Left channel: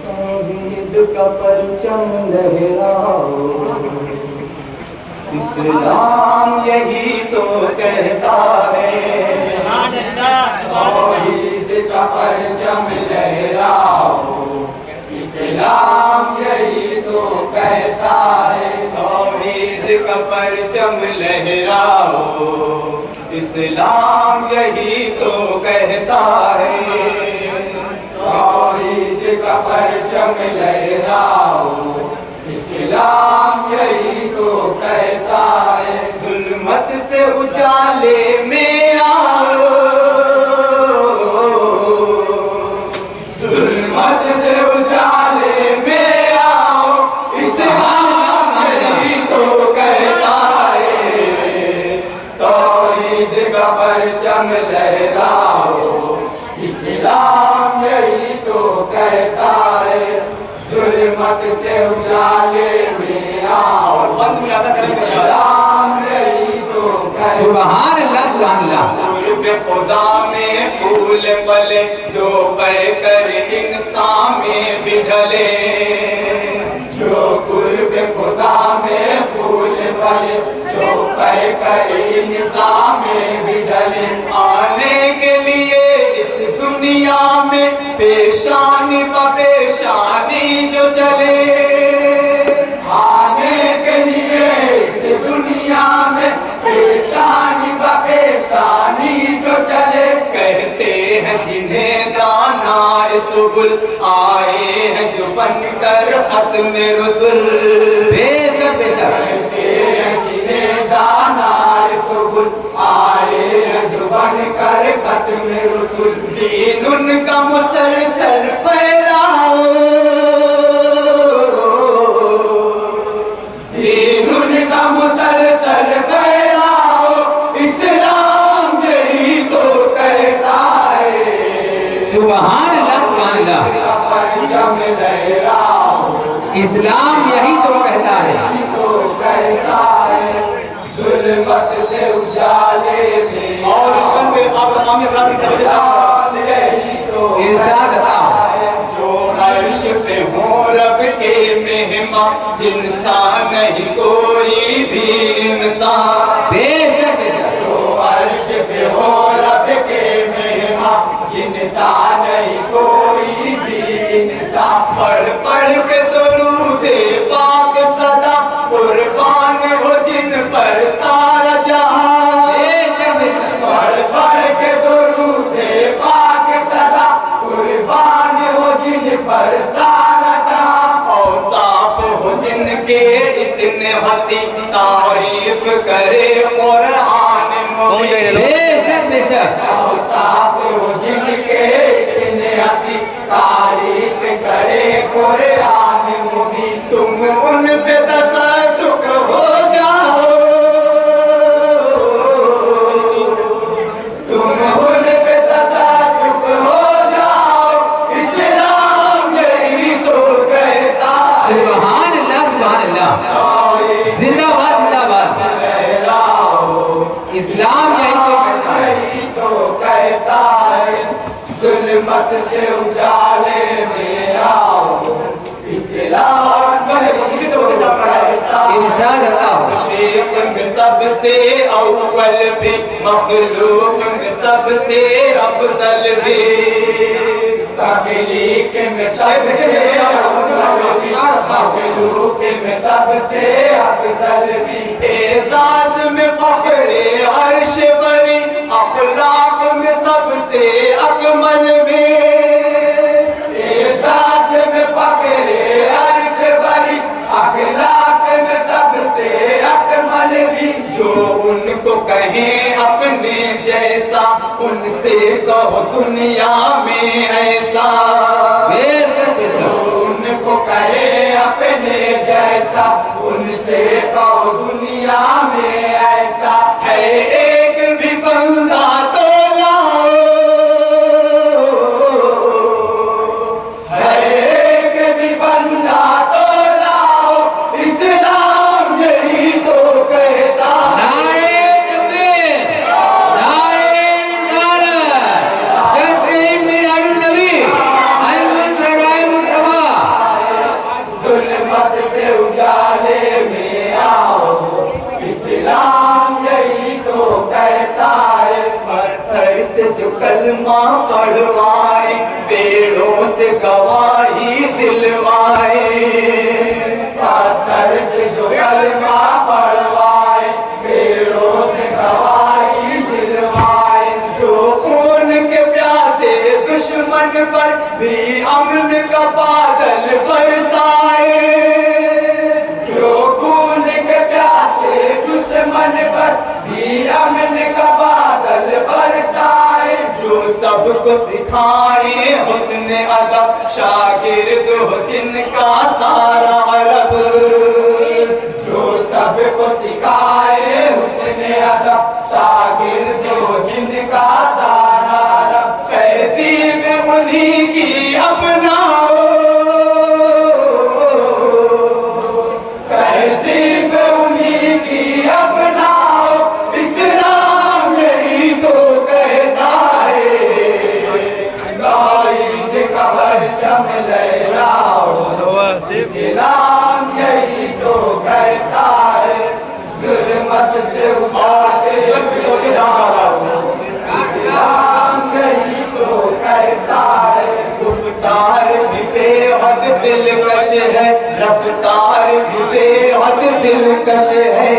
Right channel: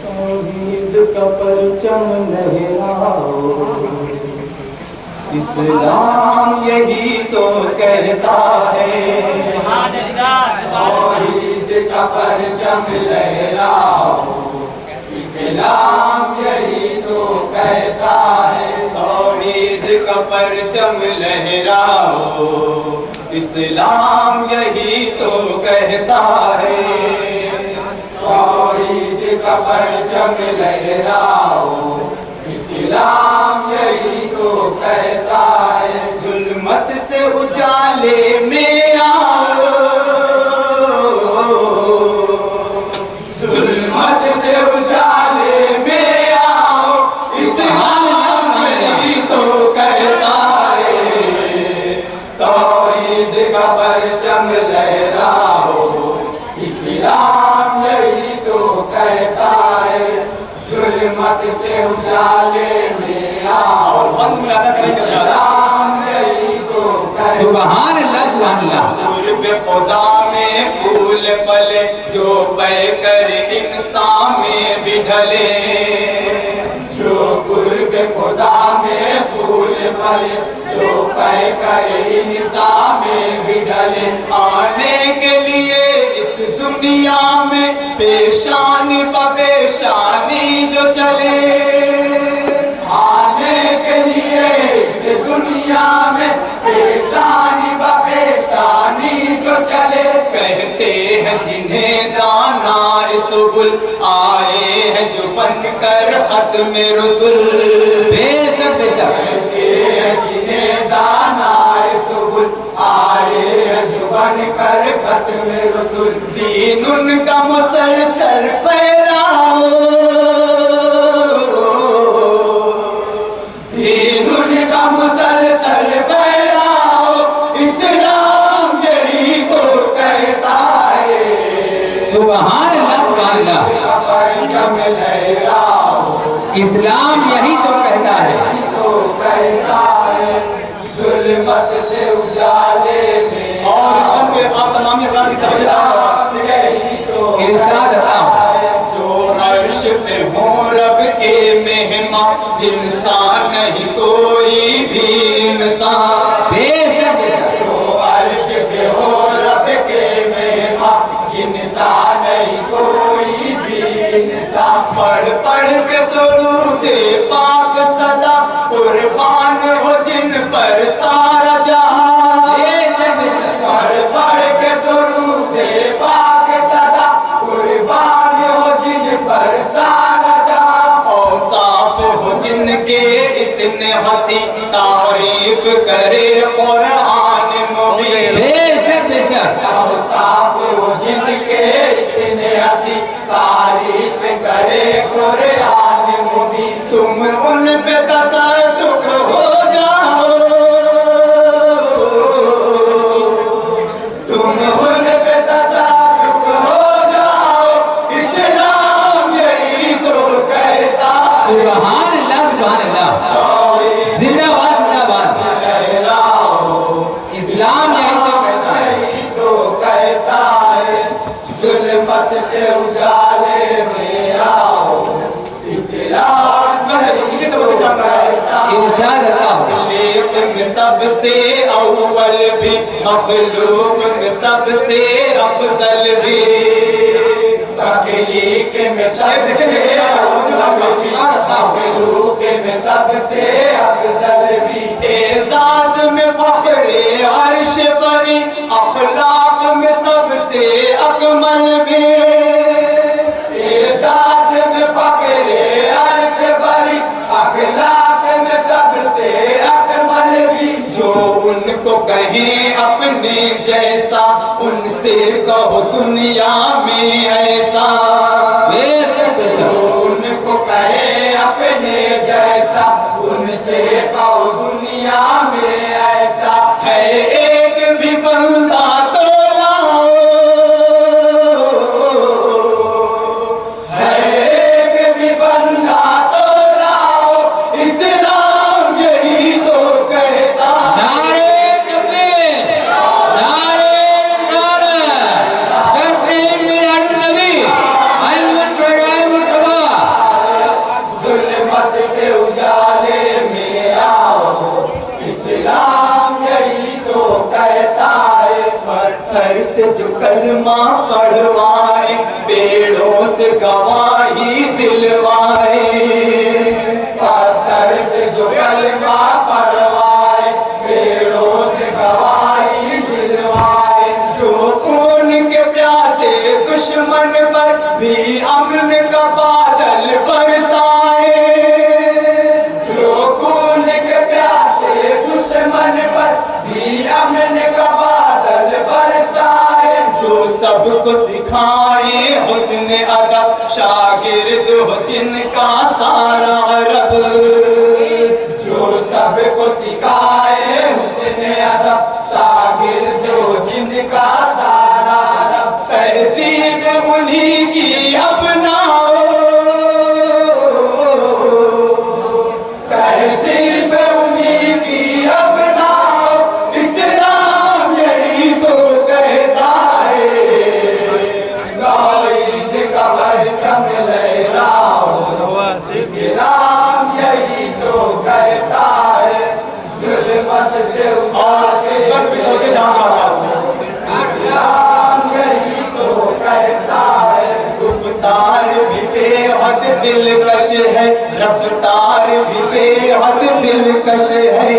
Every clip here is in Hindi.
तौहीद का परचम लहराओ, इस्लाम यही तो कहता है। तौहीद का परचम लहराओ, इस्लाम यही तो कहता है। तौहीद का परचम लहराओ, इस्लाम यही तो कहता है। तौहीद का परचम लहराओ, इस्लाम यही तो कहता है। जुल्मत से उजाले में आओ, जुल्मत से उजाले में आओ, इस्लाम यही तो कहता है। तौहीद का परचम लहराओ, इस्लाम यही तो कहता है। जुल्मत से उजाले में आओ, इस्लाम यही तो कहता है। सुभान अल्लाह, सुभान अल्लाह। कुर्ब खुदा में फूल पले, जो पै कर इंसान में भी ढले। जो कुर्ब खुदा में फूल पले, जो पै कर इंसान में भी ढले। आने के लिए इस दुनिया में पेशानी पेशानी जो चले। आने के लिए इस दुनिया में पेशानी पेशानी जो चले। कहते हैं जिन्हें दाना सुबुल, आए हैं जो बन कर खत्म रसूल। बेशक बेशक। कहते हैं जिन्हें दाना सुबुल, आए हैं जो बन कर खत्म रसूल। दीन उनका मुसलसल फैलाओ, दीन उनका मुसलसल फैलाओ, इस्लाम यही तो कहता है। सुभान अल्लाह, सुभान अल्लाह। परचम लहराओ, इस्लाम यही तो कहता है। यही तो कहता है। जुल्मत से उजाले में और इस पे आप तमाम इकराम की तरफ यही तो इरशाद अता हो। जो अर्श पे हो रब के मेहमान, जिनसा नहीं कोई भी इंसान। बेशक बेशक। जो अर्श पे हो रब के मेहमान, जिनसा नहीं कोई भी इंसान। पढ़ पढ़ के दुरूद पाक सदा, कुर्बान हो जिन पर सारा जहां। बेशक बेशक। पढ़ पढ़ के दुरूद पाक सदा, कुर्बान हो जिन पर सारा जहां। औसाफ हो जिनके इतने हंसी, तारीफ करे कुरान मुबीन। बेशक बेशक। औसाफ हो जिनके इतने हंसी, तारीफ करे कुरान मुबीन। तुम उन पे तसल्लुक हो जाओ, तुम उन पे तसल्लुक हो जाओ, इस्लाम यही तो कहता है। सुभान अल्लाह, सुभान अल्लाह। जिंदाबाद जिंदाबाद। इस्लाम यही तो कहता है। यही तो कहता है। जुल्मत से उजाले में आओ, इस्लाम यही तो कहता है। इरशाद अता हो। में सबसे अव्वल भी, मखलूक में सबसे अफजल भी। तख्लीक में सबसे अव्वल भी, मखलूक में सबसे अफजल भी। एजाज में फख्रे अर्श बरी, अखलाक में सबसे अकमल भी। एजाज में फख्रे अर्श बरी, अखलाक में सबसे अकमल भी। जो उनको कहें अपने जैसा, उनसे कहो दुनिया में ऐसा। बेशक बेशक। उनको कहे अपने जैसा, उनसे कहो दुनिया में ऐसा। है एक भी बंदा तो लाओ, है एक भी बंदा तो लाओ, इस्लाम से जो कलमा पढ़वाए, पेड़ों से गवाही दिलवाए। पत्थर से जो कलमा पढ़वाए, पेड़ों से गवाही दिलवाए। जो खून के प्यासे दुश्मन पर भी अमन का बादल बरसाए। जो खून के प्यासे दुश्मन पर भी अमन का बादल बरसाए। जो सबको सिखाए हुस्न अदब, शागिर्द हो जिनका सारा अरब। जो सबको सिखाए हुस्न अदब, शागिर्द हो जिनका सारा अरब। तहजीब उन्हीं की अपनाओ, तहजीब उन्हीं की अपनाओ। इस्लाम यही तो कहता है, ईद का परचम लहराओ। इस्लाम यही तो कहता है, जुल्मत से उठाते इस्लाम यही तो कहता है। गुफ्तार भी बेहद दिलकश है, रफ्तार भी बेहद दिलकश है।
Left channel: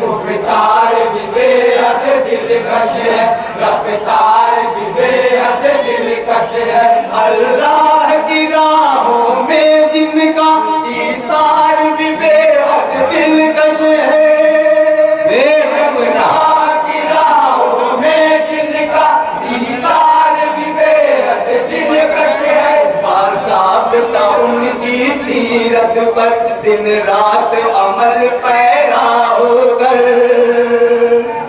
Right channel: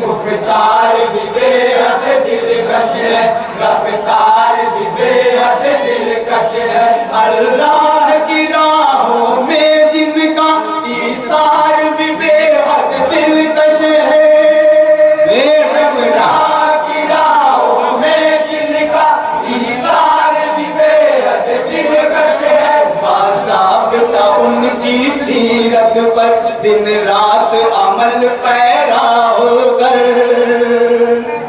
गुफ्तार भी बेहद दिलकश है, रफ्तार भी बेहद दिलकश है। अल्लाह की राहों में जिनका ईसार भी बेहद दिलकश है। अल्लाह की राहों में जिनका ईसार भी बेहद दिलकश है। बाज़ाब्ता उनकी सीरत पर दिन रात अमल पैरा होकर।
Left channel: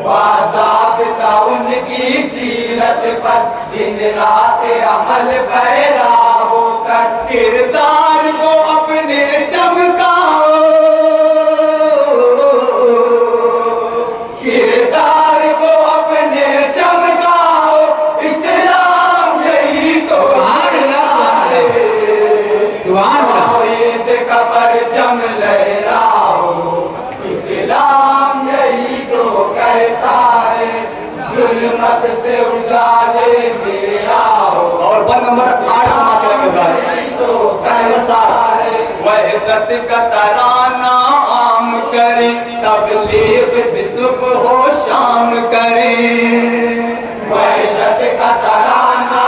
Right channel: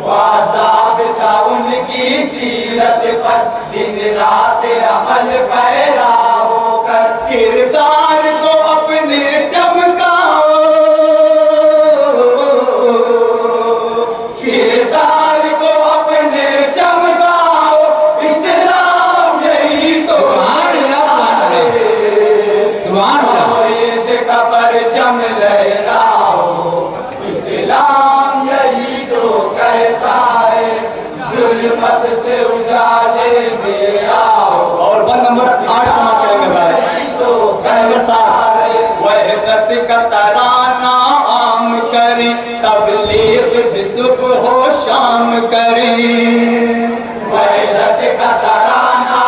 बाज़ाब्ता उनकी सीरत पर दिन रात अमल पैरा होकर। किरदार को अपने चमकाओ, किरदार को अपने चमकाओ। इस्लाम यही तो ईद का परचम लहराओ। इस्लाम यही तो कहता है, जुल्मत से उजाले में आओ। और 1 नंबर 8 समाप्त करेगा। यही तो कहता है, वहदत का तराना आम करे, तबलीग भी सुबह हो शाम करे। वहदत का तराना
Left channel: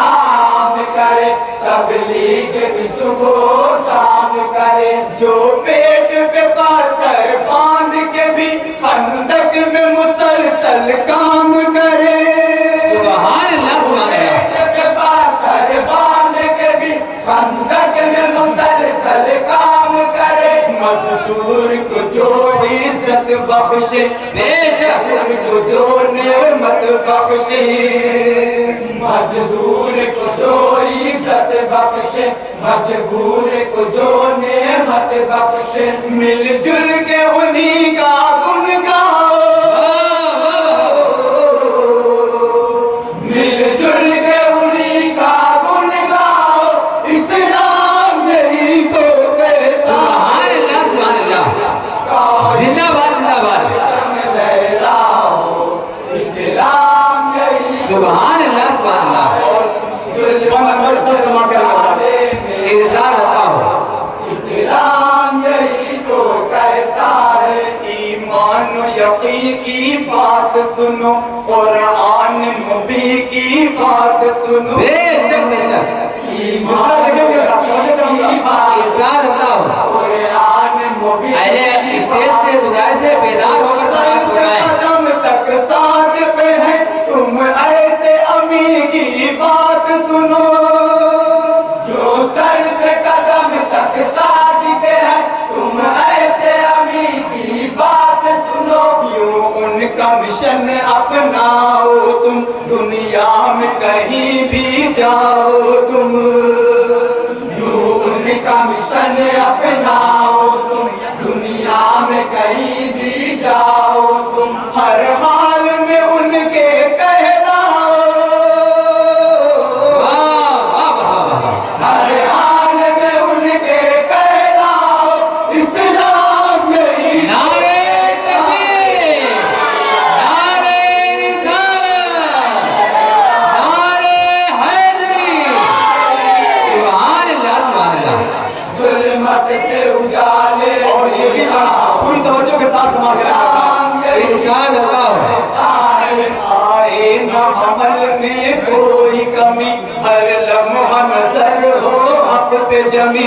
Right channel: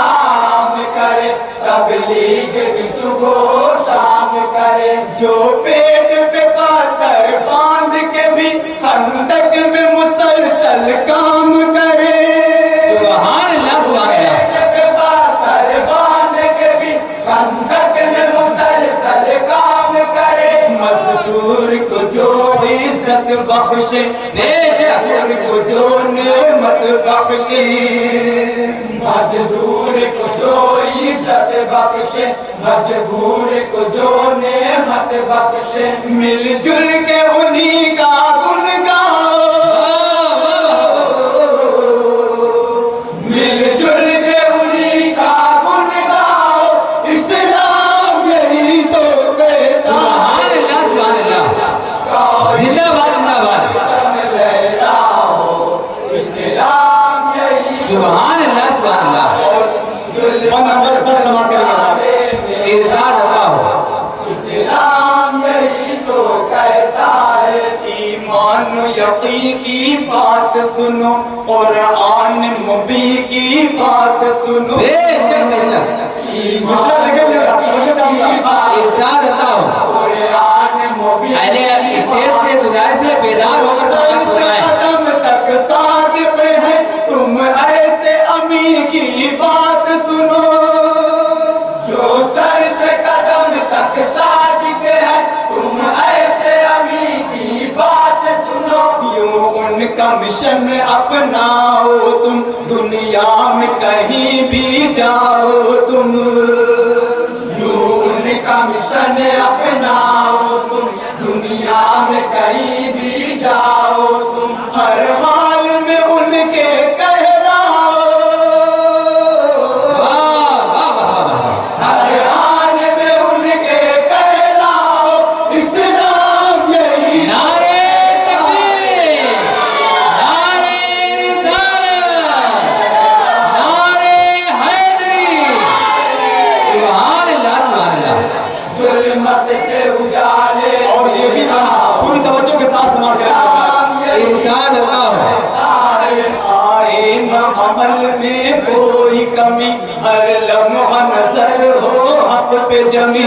आम करे, तबलीग भी सुबह हो शाम करे। जो पेट पे पाकर बांध के भी खंदक में मुसलसल काम करे। खंदक में मुसलसल काम करे। मजदूर को जो इज्जत बख्शे, मजदूर को जो नेमत बख्शे। मजदूर को जो इज्जत बख्शे, मजबूर को जो नेमत बख्शे। मिलजुल के उन्हीं का गुण गाओ, मिलजुल के उन्हीं का गुण गाओ। इस्लाम यही तो कहता है, जिंदाबाद जिंदाबाद। लहराओ। इस्लाम यही सुभान अल्लाह सुभान अल्लाह। इरशाद होता हो। इस्लाम यही तो कहता है, ईमान यकी की बात सुनो, कुरान मुबी की बात सुनो। बेशक बेशक। ईमान इरशाद होता हो। कुरान मुबी से गुजारिश है, बेदार होकर समाप्त हो जाए। कदम तक साथ पे है, तुम ऐसे अमी की बात सुनो। जो सर से कदम तक साथ है, तुम ऐसे अमी की बात सुनो। यूं उनका मिशन अपनाओ तुम, दुनिया में कहीं भी जाओ तुम। यूं उनका मिशन अपनाओ तुम, दुनिया में कहीं भी जाओ तुम। हर हाल में उनके कहलाओ, हर हाल में उनके कहलाओ। इस्लाम यही नारे तकबीर, नारे रिसालत। ये भी पूरी तवज्जो के साथ समाप्त करेंगे। इरशाद होता हो आए न अमल में कोई कमी, हर लम्हा नजर हो हक पे जमी।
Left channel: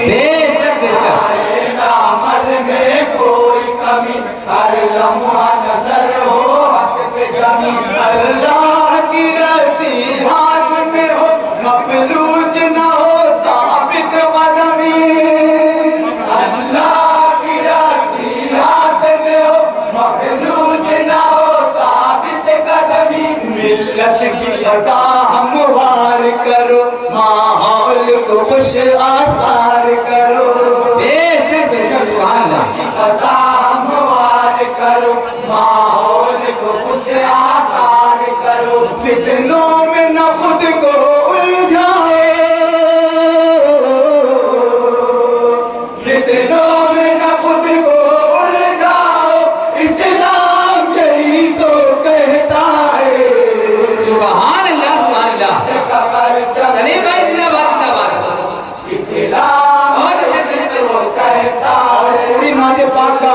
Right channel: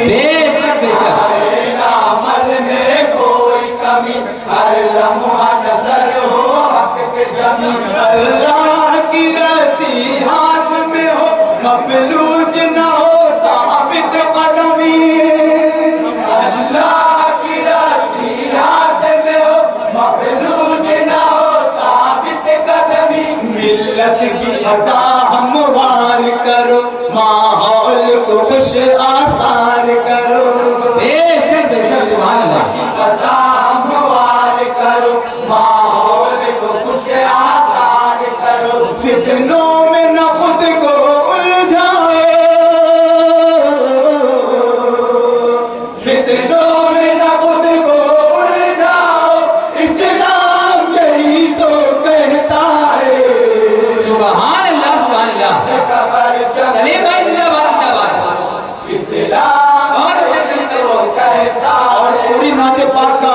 बेशक बेशक आए न अमल में कोई कमी, हर लम्हा नजर हो हक पे जमी। अल्लाह की रस्सी हाथ में हो, मफलूज न हो साबित कदमी। अल्लाह की रस्सी हाथ में हो, मफलूज न हो साबित कदमी। मिल्लत की फजा हमवार करो, माहौल को खुश आसार करो। बेशक बेशक सुभान अल्लाह फजा हमवार करो, माहौल को खुश आसार करो। फितनों में न खुद को उलझाओ, फितनों में न खुद को उलझाओ, इस्लाम यही तो कहता है। सुभान अल्लाह सलीम भाई जिंदाबाद जिंदाबाद इस्लाम बहुत अच्छे तरीके से कहता है। और पूरी नाते पाक का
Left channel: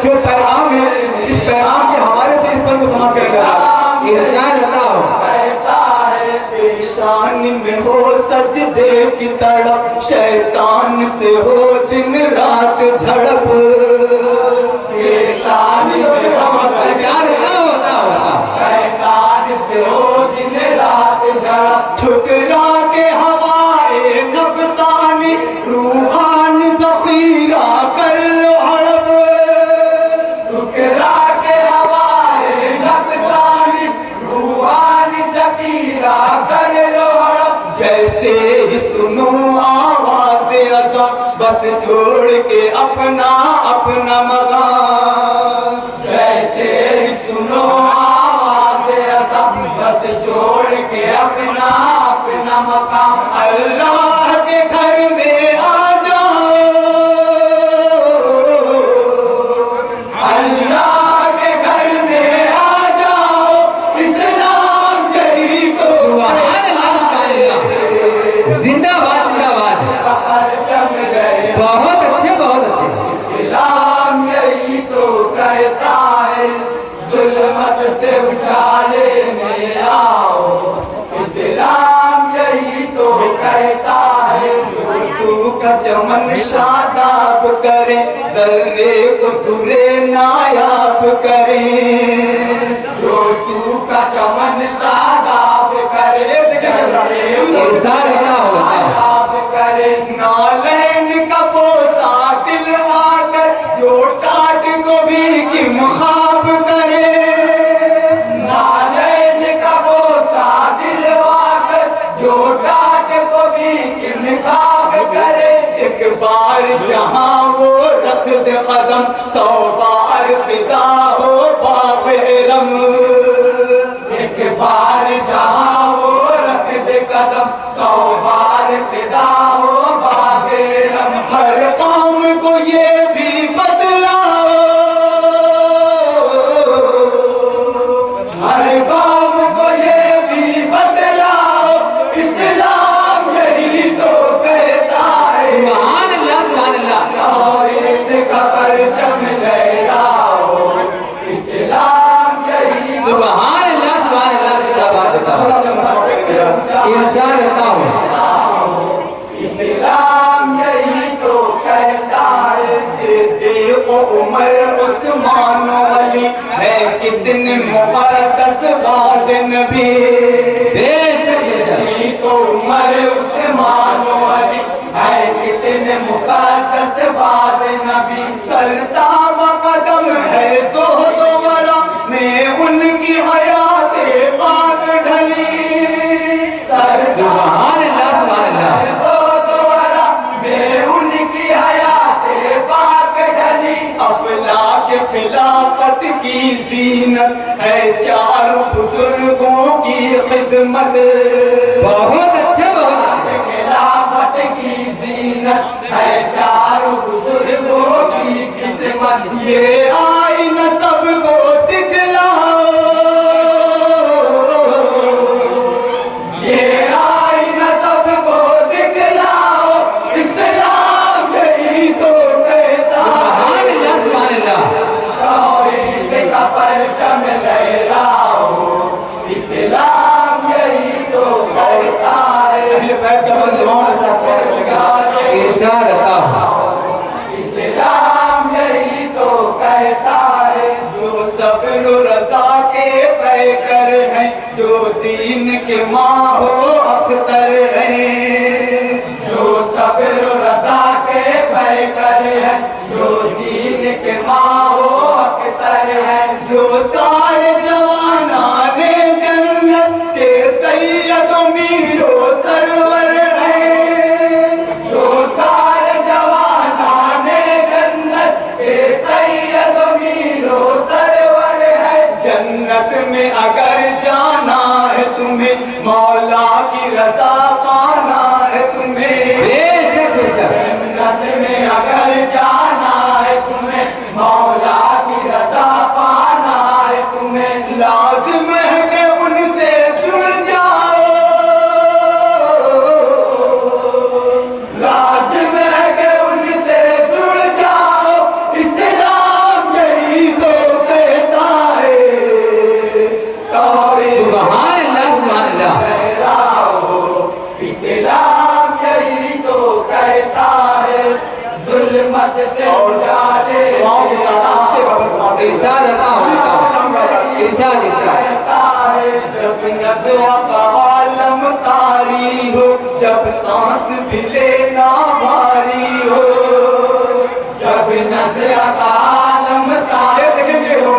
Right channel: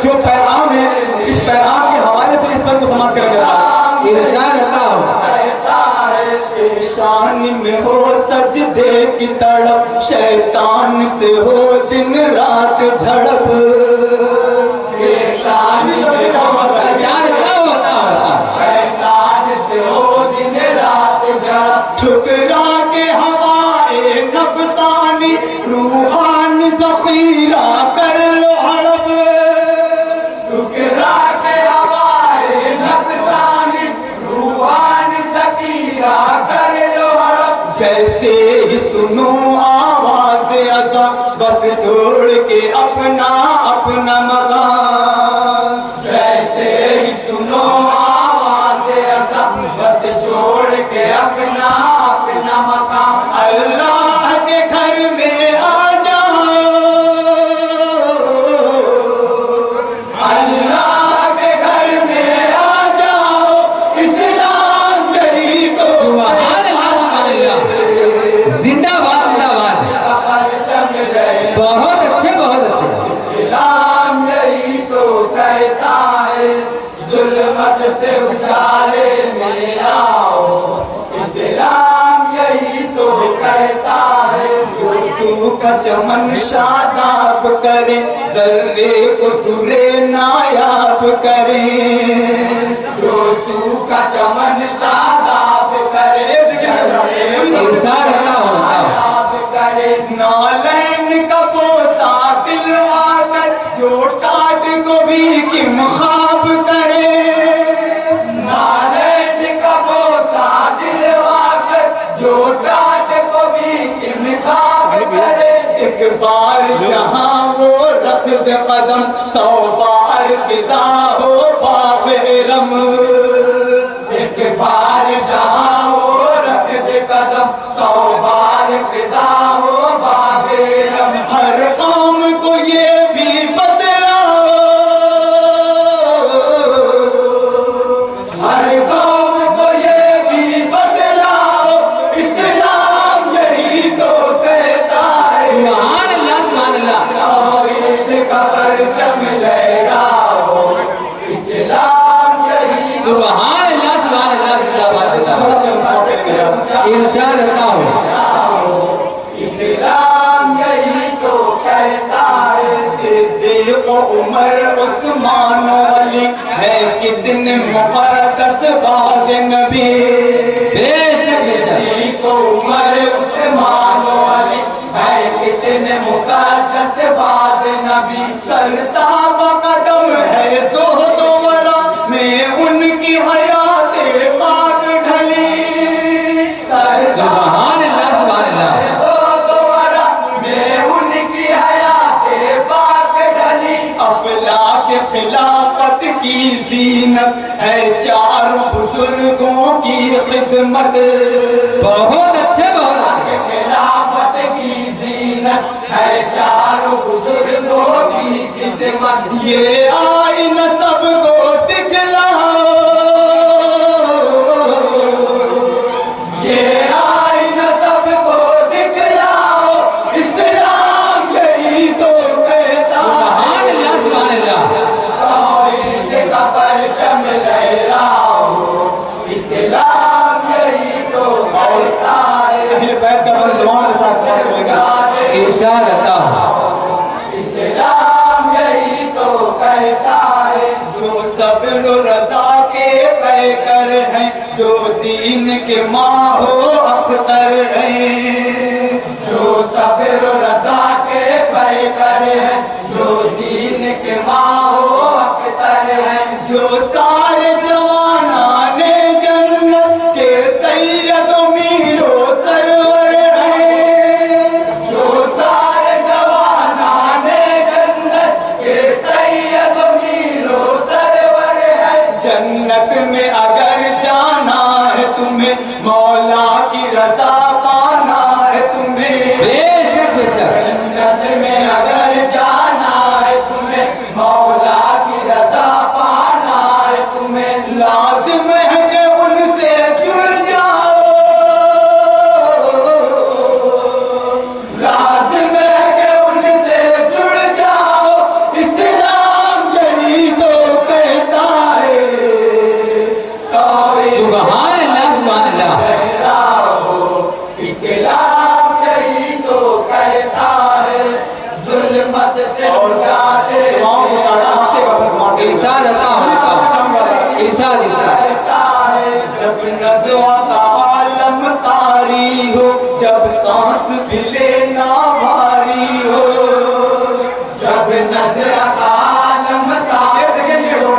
जो पैगाम है, इस पैगाम के हवाले से इस पर को समाप्त करेगा। इरशाद होता हो कहता है पेशानी में हो सजदे की तड़प, शैतान से हो दिन रात झड़प। पेशानी में हो इरशाद होता शैतान से हो दिन रात झड़प। ठुकरा के हवाए नफसानी, रूहानी ज़ख़ीरा कर लो हड़प। ठुकरा के हवाए नफसानी, रूहानी ज़ख़ीरा कर लो हड़प। जैसे ही सुनो आवाज़ अज़ा, बस छोड़ के अपना अपना मकान। जैसे ही सुनो आवाज़ अज़ा, बस छोड़ के अपना अपना मकान। अल्लाह के घर में आ जाओ, अल्लाह के घर में आ जाओ, इस्लाम यही तो सुभान अल्लाह जिंदाबाद जिंदाबाद परचम गए। बहुत अच्छे इस्लाम यही तो कहता है, जुल्मत से उजाले में आओ। इस्लाम यही तो कहता है, जो सूखा चमन शादाब करे, जर्रे को तुरे नायाब करे। जो सूखा चमन शादाब करे, इरशाद होता हो नायाब करे। नालैन का बोसा दिलवा कर, जो टाट को भी किम ख्वाब करे। नालैन का बोसा दिलवा कर, जो टाट को भी किम ख्वाब करे। एक बार जहाँ वो रख दे कदम, 100 बार फिदा हो बाबे रम। एक बार जहाँ वो रख दे कदम, 100 बार फिदा हो बाबे रम। हर कौम को ये भी बदलाओ, हर कौम को ये भी बदलाओ, इस्लाम यही तो कहता है। सुभान अल्लाह तौहीद का परचम लहराओ, इस्लाम यही तो सुभान अल्लाह जिंदाबाद जिंदाबाद इरशाद होता हो इस्लाम यही तो कहता है। सिद्दीक़ उमर उस्मान अली है कितने मुक़द्दस बाद नबी। बेशक बेशक सिद्दीक़ उमर उस्मान अली है कितने मुक़द्दस बाद नबी। सरताब कदम है ज़ुहद वरा में उनकी हयात पाक ढली। सुभान अल्लाह में उनकी हयात पाक ढली। अफलाक खिलाफत की ज़ीनत है, चारों बुजुर्गों की खिदमत। बहुत अच्छे खिलाफत की ज़ीनत है, चारों बुजुर्गों की खिदमत। ये आईन सबको दिखलाओ, ये आईन सबको दिखलाओ, इस्लाम यही तो कहता है। जो दीन के माहो अख्तर हैं, जो सब्र रज़ा के पैकर हैं, जो दीन के माहो अख्तर हैं, जो सारे जवानाने जन्नत के सैयद मीरो सरवर हैं, जो सारे जवानाने जन्नत के सैयद मीरो सरवर है। जन्नत में अगर जाना है तुम्हें, मौला की रज़ा पाना है तुम्हें, बेशक बेशक जन्नत में अगर जाना है तुम्हें, मौला की रज़ा पाना है तुम्हें, लाजिम है कि उनसे जुड़ जाओ, लाजिम है कि उनसे जुड़ जाओ, इस्लाम यही तो कहता है, सुभान अल्लाह इस्लाम यही तो कहता है, जुल्मत से उजाले इरशाद इरशाद कहता है, जब नज़्र का आलम तारी हो, जब सांस भी लेना भारी हो, जब नज़्र का आलम तारी हो,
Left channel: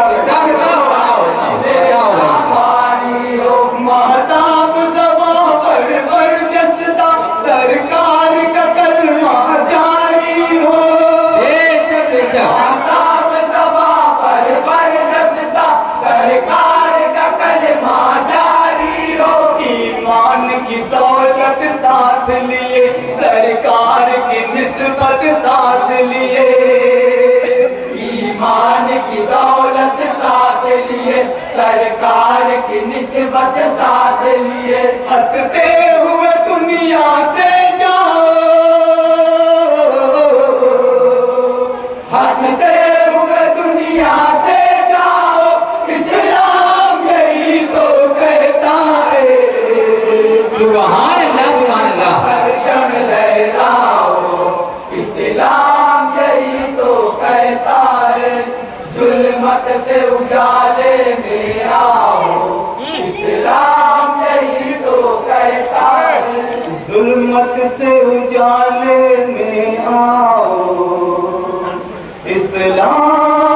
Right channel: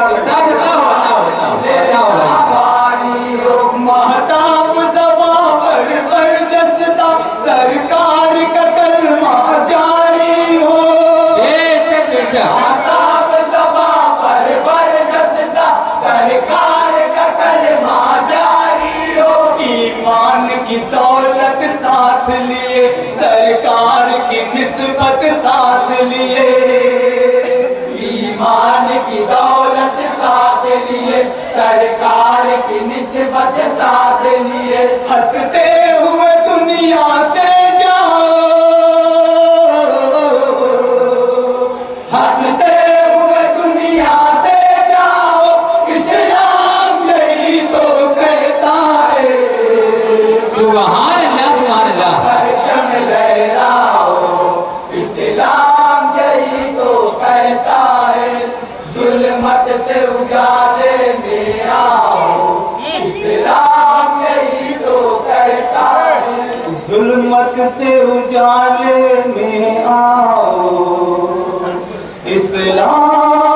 भारी हो, महताब ज़बां पर बरजस्ता, सरकार का कलमा जारी हो, बेशक बेशक महताब ज़बां पर बरजस्ता, सरकार का कलमा जारी हो, ईमान की दौलत साथ लिए, सरकार की निस्बत साथ लिए, ईमान की दौलत साथ लिए, सरकार की निस्बत साथ लिए, हंसते हुए दुनिया से जाओ, हंसते हुए दुनिया से जाओ, इस्लाम यही तो कहता है, सुभान अल्लाह परचम लहराओ, इस्लाम यही तो कहता है, जुल्मत से उजाले में आओ, इस्लाम यही तो कहता है, जुल्मत से उजाले में आओ, इस्लाम